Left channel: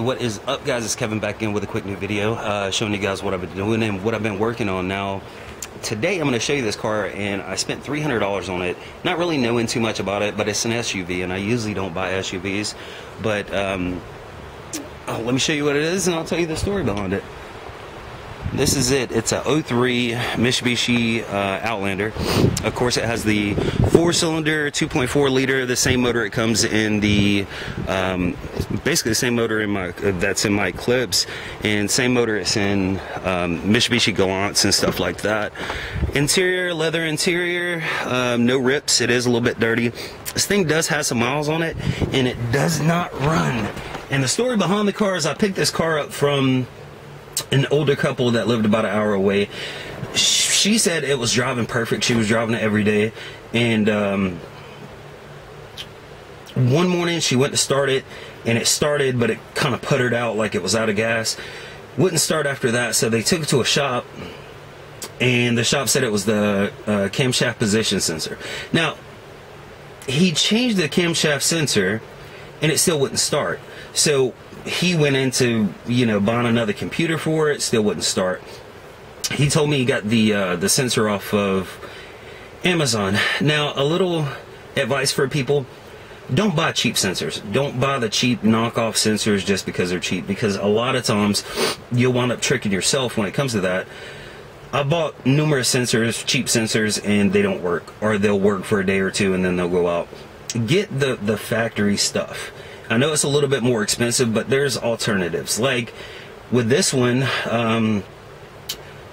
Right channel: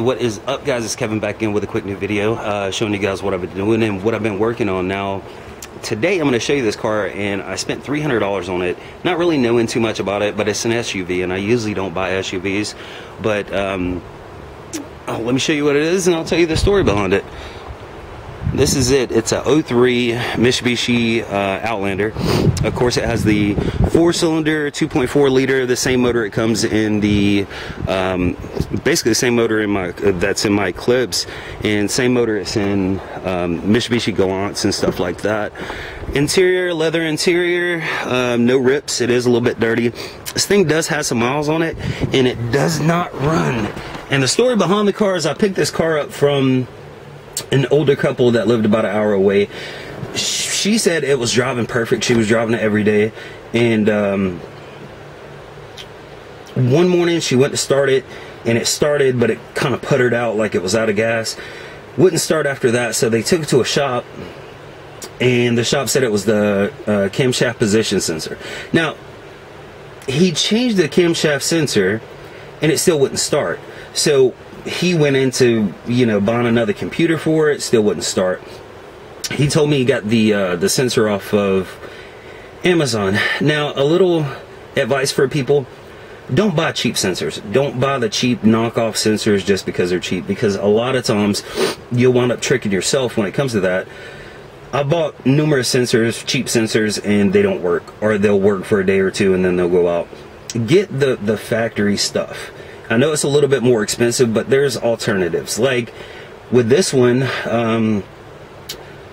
What is up, guys? It's Kevin back in with a quick new video showing you guys what I've been doing and what I've been working on. Now today I'm going to show you this car, and I spent $300 on it, not really knowing too much about it, but it's an SUV, and I usually don't buy SUVs, but let me show you what it is and I'll tell you the story behind it. This is it. It's a 03 Mitsubishi Outlander. Of course, it has the 4-cylinder 2.4 liter, the same motor it comes in the basically the same motor in my that's in my Eclipse, and same motor it's in Mitsubishi Galants and stuff like that. Interior, leather interior, no rips. It is a little bit dirty. This thing does have some miles on it, and it does not run. And the story behind the car is I picked this car up from an older couple that lived about an hour away. She said it was driving perfect. She was driving it every day, and one morning she went to start it, and it started, but it kind of puttered out like it was out of gas. Wouldn't start after that, so they took it to a shop, and the shop said it was the camshaft position sensor. Now, he changed the camshaft sensor, and it still wouldn't start. So he went into, you know, buying another computer for it. Still wouldn't start. He told me he got the sensor off of Amazon. Now, a little advice for people: don't buy cheap sensors. Don't buy the cheap knockoff sensors just because they're cheap, because a lot of times you'll wind up tricking yourself when it comes to that. I bought numerous sensors, cheap sensors, and they don't work, or they'll work for a day or two and then they'll go out. Get the factory stuff. I know it's a little bit more expensive, but there's alternatives. Like with this one,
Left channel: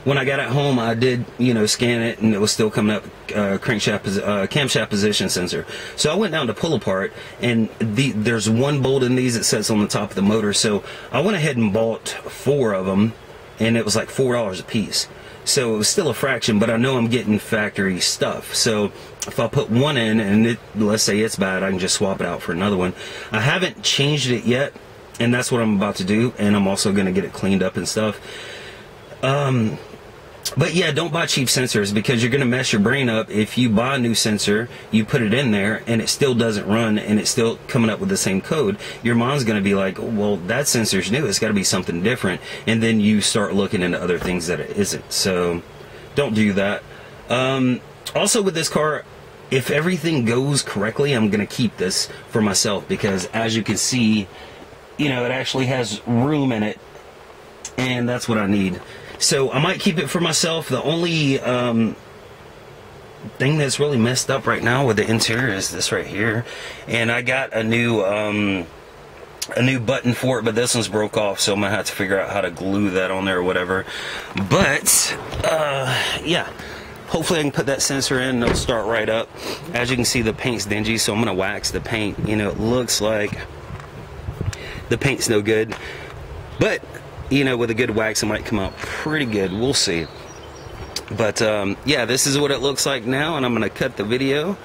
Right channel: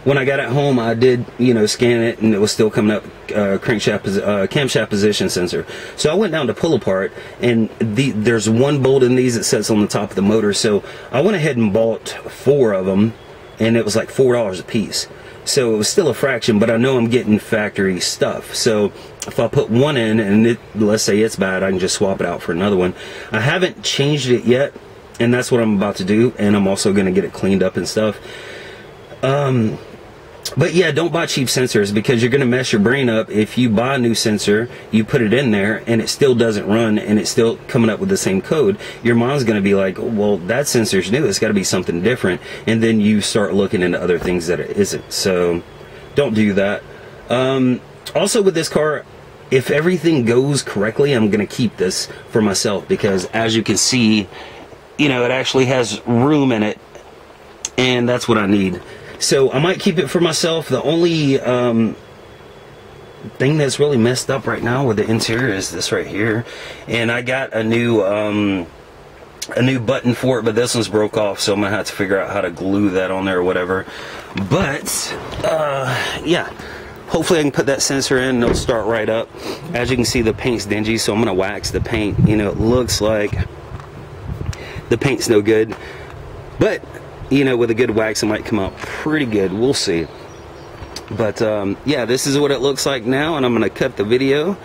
when I got it home, I did, you know, scan it, and it was still coming up camshaft position sensor. So I went down to pull apart, and there's one bolt in these that sits on the top of the motor. So I went ahead and bought 4 of them, and it was like $4 a piece. So it was still a fraction, but I know I'm getting factory stuff. So if I put one in and let's say it's bad, I can just swap it out for another one. I haven't changed it yet, and that's what I'm about to do, and I'm also going to get it cleaned up and stuff. But yeah, don't buy cheap sensors, because you're going to mess your brain up. If you buy a new sensor, you put it in there, and it still doesn't run, and it's still coming up with the same code, your mind's going to be like, well, that sensor's new, it's got to be something different, and then you start looking into other things that it isn't. So don't do that. Also with this car, if everything goes correctly, I'm going to keep this for myself, because as you can see, you know, it actually has room in it, and that's what I need. So I might keep it for myself. The only thing that's really messed up right now with the interior is this right here. And I got a new button for it, but this one's broke off, so I'm gonna have to figure out how to glue that on there or whatever. But yeah, hopefully I can put that sensor in and it'll start right up. As you can see, the paint's dingy, so I'm gonna wax the paint. You know, it looks like the paint's no good, but you know, with a good wax, it might come out pretty good. We'll see. But yeah, this is what it looks like now, and I'm gonna cut the video,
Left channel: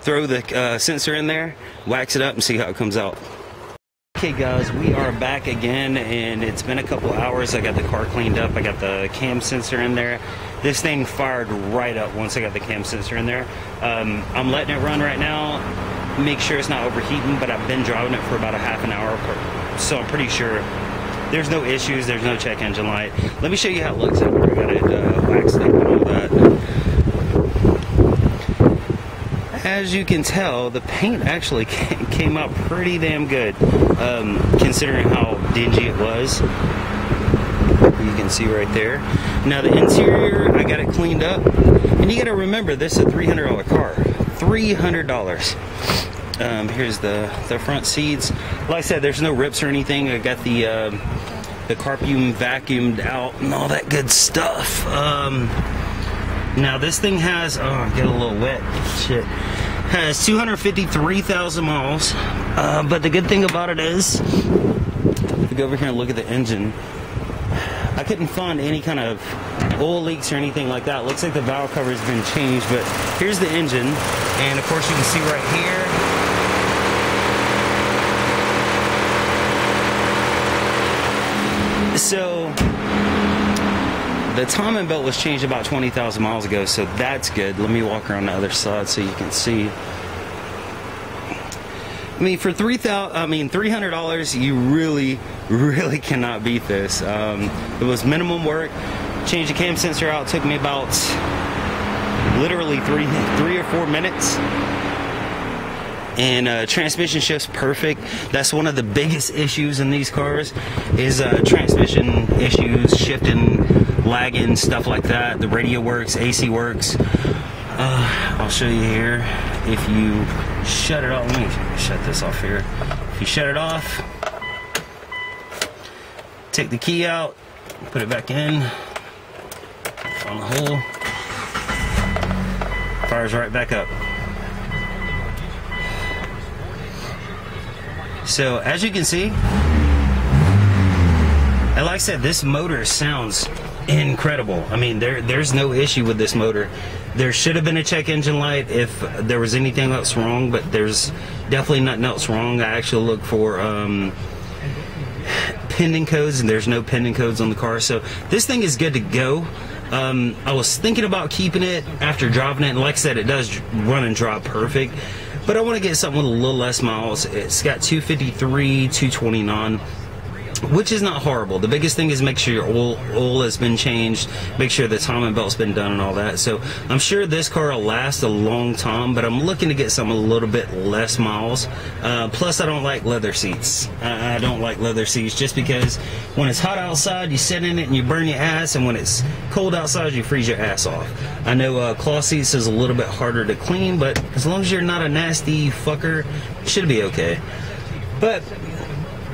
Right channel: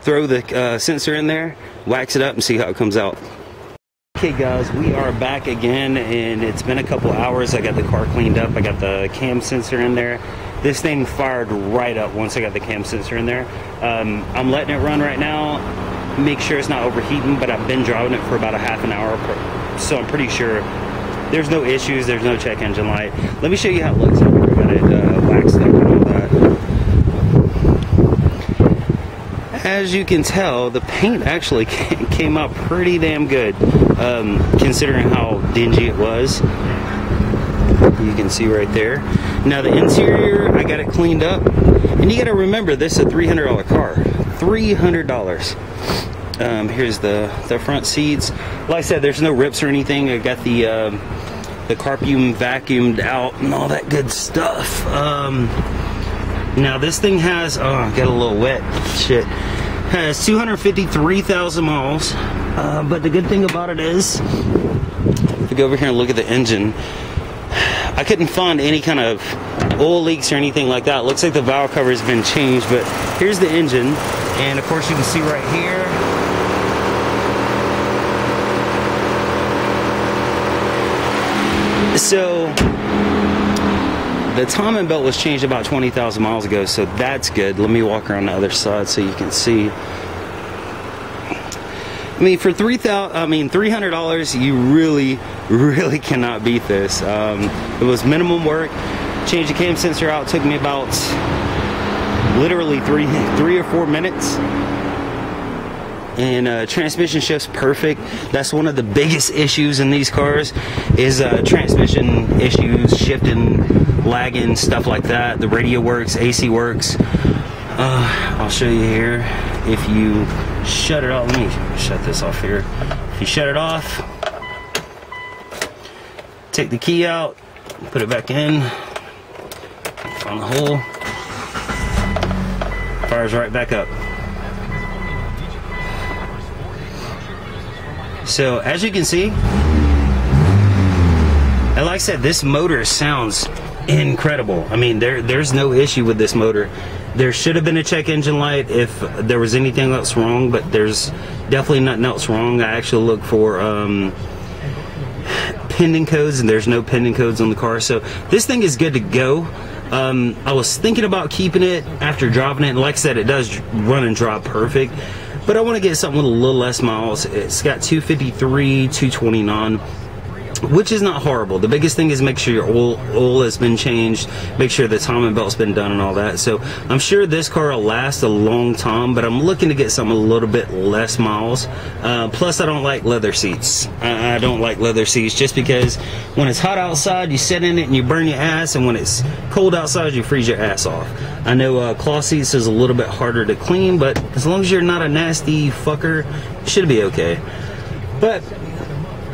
throw the sensor in there, wax it up, and see how it comes out. Okay guys, we are back again, and it's been a couple hours. I got the car cleaned up. I got the cam sensor in there. This thing fired right up once I got the cam sensor in there. I'm letting it run right now, make sure it's not overheating, but I've been driving it for about a half an hour, so I'm pretty sure there's no issues. There's no check engine light. Let me show you how it looks after I got it waxed up and all that. As you can tell, the paint actually came out pretty damn good, considering how dingy it was. You can see right there. Now the interior, I got it cleaned up, and you got to remember, this is a $300 car. $300. Here's the front seats. Like I said, there's no rips or anything. I got the carpum vacuumed out and all that good stuff. Now this thing has, oh, I got a little wet, shit. Has 253,000 miles. But the good thing about it is, if we go over here and look at the engine, I couldn't find any kind of oil leaks or anything like that. It looks like the valve cover has been changed, but here's the engine, and of course you can see right here, so the timing belt was changed about 20,000 miles ago, so that's good. Let me walk around the other side so you can see. I mean, for $300, you really cannot beat this. It was minimum work. Changed the cam sensor out, took me about literally three or 4 minutes. And transmission shift's perfect. That's one of the biggest issues in these cars is transmission issues, shifting, lagging, stuff like that. The radio works, AC works. I'll show you here. If you shut it off, let me shut this off here. If you shut it off, take the key out, put it back in, find the hole, fires right back up. So as you can see, and like I said, this motor sounds incredible. I mean, there's no issue with this motor. There should have been a check engine light if there was anything else wrong, but there's definitely nothing else wrong. I actually look for pending codes, and there's no pending codes on the car, so this thing is good to go. I was thinking about keeping it after driving it, and like I said, it does run and drive perfect, but I want to get something with a little less miles. It's got 253, 229, which is not horrible. The biggest thing is make sure your oil has been changed, make sure the timing belt's been done and all that. So I'm sure this car will last a long time, but I'm looking to get something a little bit less miles. Plus I don't like leather seats. I don't like leather seats just because when it's hot outside you sit in it and you burn your ass, and when it's cold outside you freeze your ass off. I know cloth seats is a little bit harder to clean, but as long as you're not a nasty fucker, it should be okay. But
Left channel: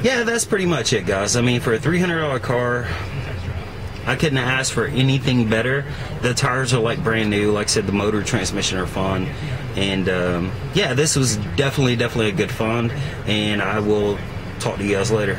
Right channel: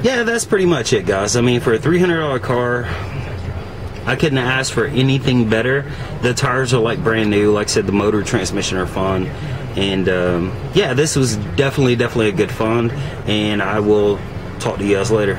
yeah, that's pretty much it, guys. I mean, for a $300 car, I couldn't have asked for anything better. The tires are like brand new. Like I said, the motor, transmission are fun. And yeah, this was definitely a good fun. And I will talk to you guys later.